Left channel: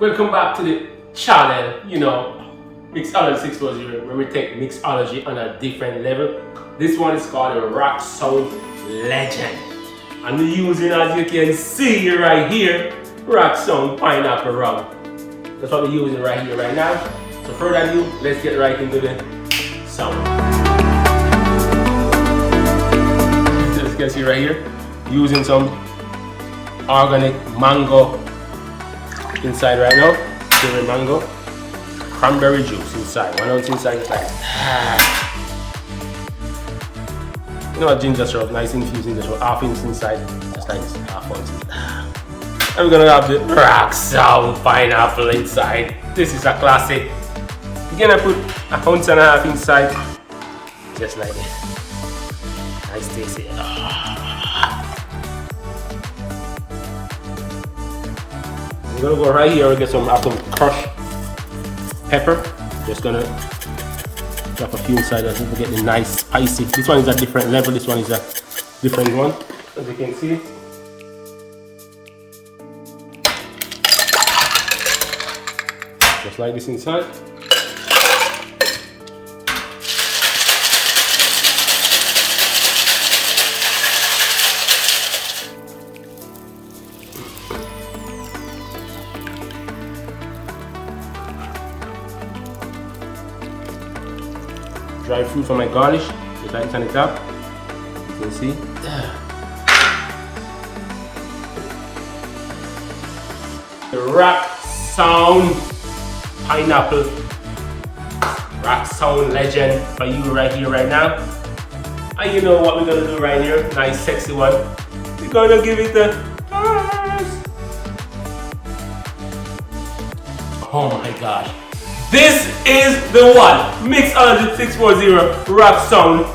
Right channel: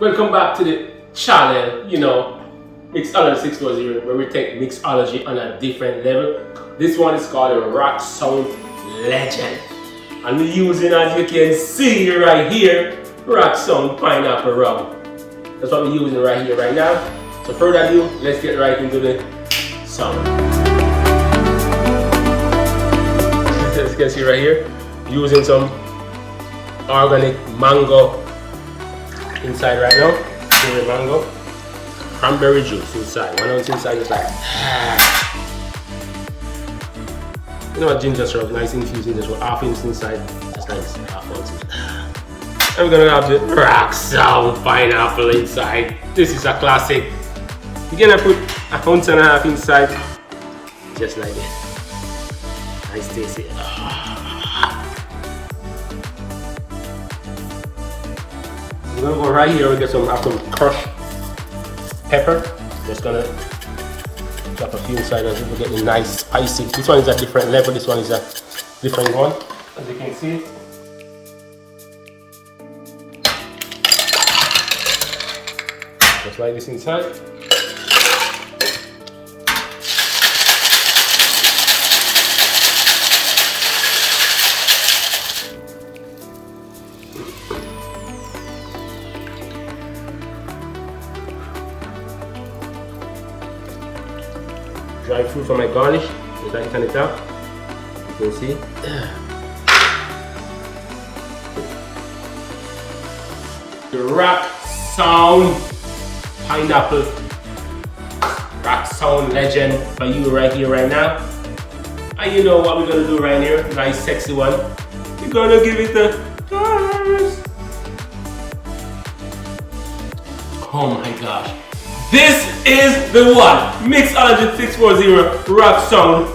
Welcome back to the channel, Mixology 640, where we take mixology on a different level. This one is called a Rock Sound Legend. And we're using, as you can see right here, Rock Sound Pineapple Rum. That's what we're using right here, right now. So further ado, let's get right into the sound. As you can see right here, using some organic mango inside right now. Cherry mango, cranberry juice inside. 1 ounce inside is like, ginger syrup, nice infused ginger syrup, half ounce inside, just like this, half ounce. And we're gonna have the Rock Sound Pineapple inside. This is a classic. You're gonna put 1.5 ounces inside, just like this. Nice tasty. I'm gonna go right here and get some crushed pepper. Just gonna drop a few inside as we get the nice spicy. This one is a different level, this one is a different one, as you can see. Just like this inside. Dry fruit for my garnish, just like this on the top. You can see. The Rock Sound Pineapple Rock Sound Legend for you right here, right now. And you know what we're gonna do right here? Nice sexy one. We're gonna give it a oh my gosh. This is the one, Mixology 640 Rock Sound